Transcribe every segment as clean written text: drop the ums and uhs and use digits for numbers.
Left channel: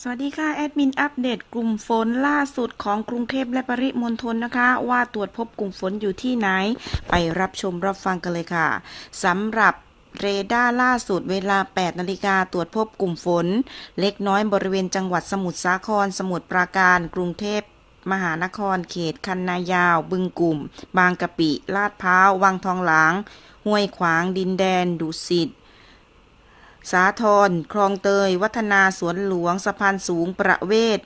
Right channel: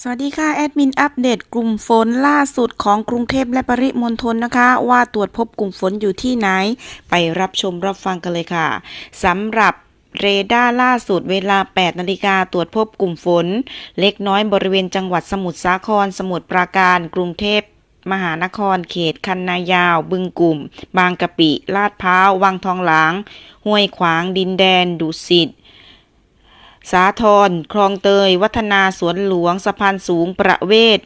สวัสดีค่ะแอดมินอัปเดตกลุ่มฝนล่าสุดของกรุงเทพและปริมณฑลนะคะว่าตรวจพบกลุ่มฝนอยู่ที่ไหนไปรับชมรับฟังกันเลยค่ะสำหรับเรดาร์ล่าสุดเวลา 8 นาฬิกาตรวจพบกลุ่มฝนเล็กน้อยบริเวณจังหวัดสมุทรสาครสมุทรปราการกรุงเทพมหานครเขตคันนายาวบึงกลุ่มบางกะปิลาดพร้าววังทองหลางห้วยขวางดินแดนดุสิตสาทรคลองเตยวัฒนาสวนหลวงสะพานสูงประเวศ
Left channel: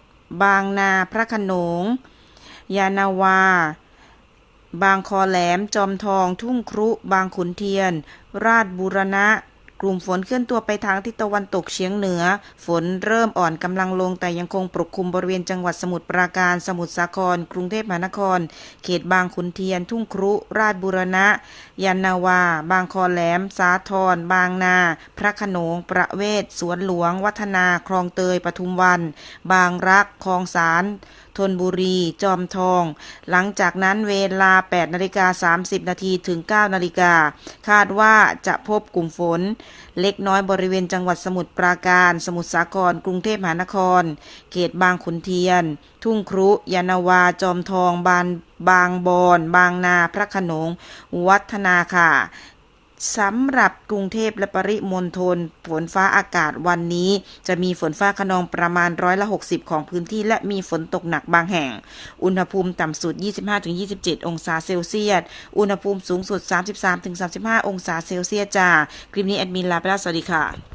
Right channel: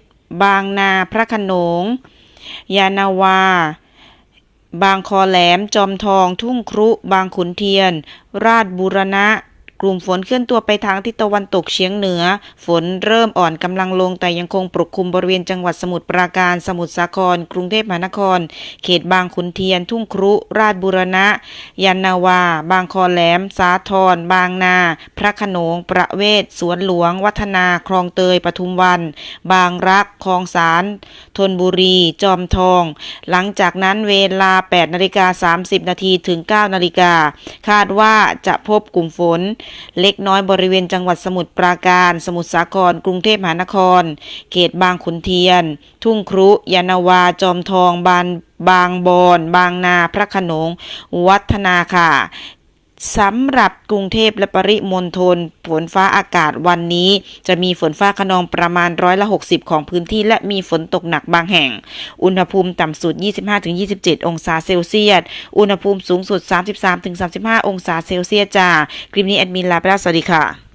บางนาพระโขนงยานาวาบางคอแหลมจอมทองทุ่งครุบางขุนเทียนราชบูรณะกลุ่มฝนเคลื่อนตัวไปทางทิศตะวันตกเฉียงเหนือฝนเริ่มอ่อนกำลังลงแต่ยังคงปกคลุมบริเวณจังหวัดสมุทรปราการสมุทรสาครกรุงเทพมหานครเขตบางขุนเทียนทุ่งครุราชบูรณะยานาวาบางคอแหลมสาทรบางนาพระโขนงประเวศสวนหลวงวัฒนาคลองเตยปทุมวันบางรักคลองสารธนบุรีจอมทองหลังจากนั้นเวลา 8:30 นาทีถึง 9 นาฬิกาคาดว่าจะพบกลุ่มฝนเล็กน้อยบริเวณจังหวัดสมุทรปราการสมุทรสาครกรุงเทพมหานครเขตบางขุนเทียนทุ่งครุยานาวาจอมทองบางบอนบางนาพระโขนงวัฒนาค่ะสำหรับกรุงเทพและปริมณฑลฝนฟ้าอากาศวันนี้จะมีฝนฟ้าคะนองประมาณ60%ของพื้นที่และมีฝนตกหนักบางแห่งอุณหภูมิต่ำสุด 25-27 องศาเซลเซียสอุณหภูมิสูงสุด 33-35 องศาเซลเซียสจ้าคลิปนี้แอดมินลาไปแล้วสวัสดีค่ะ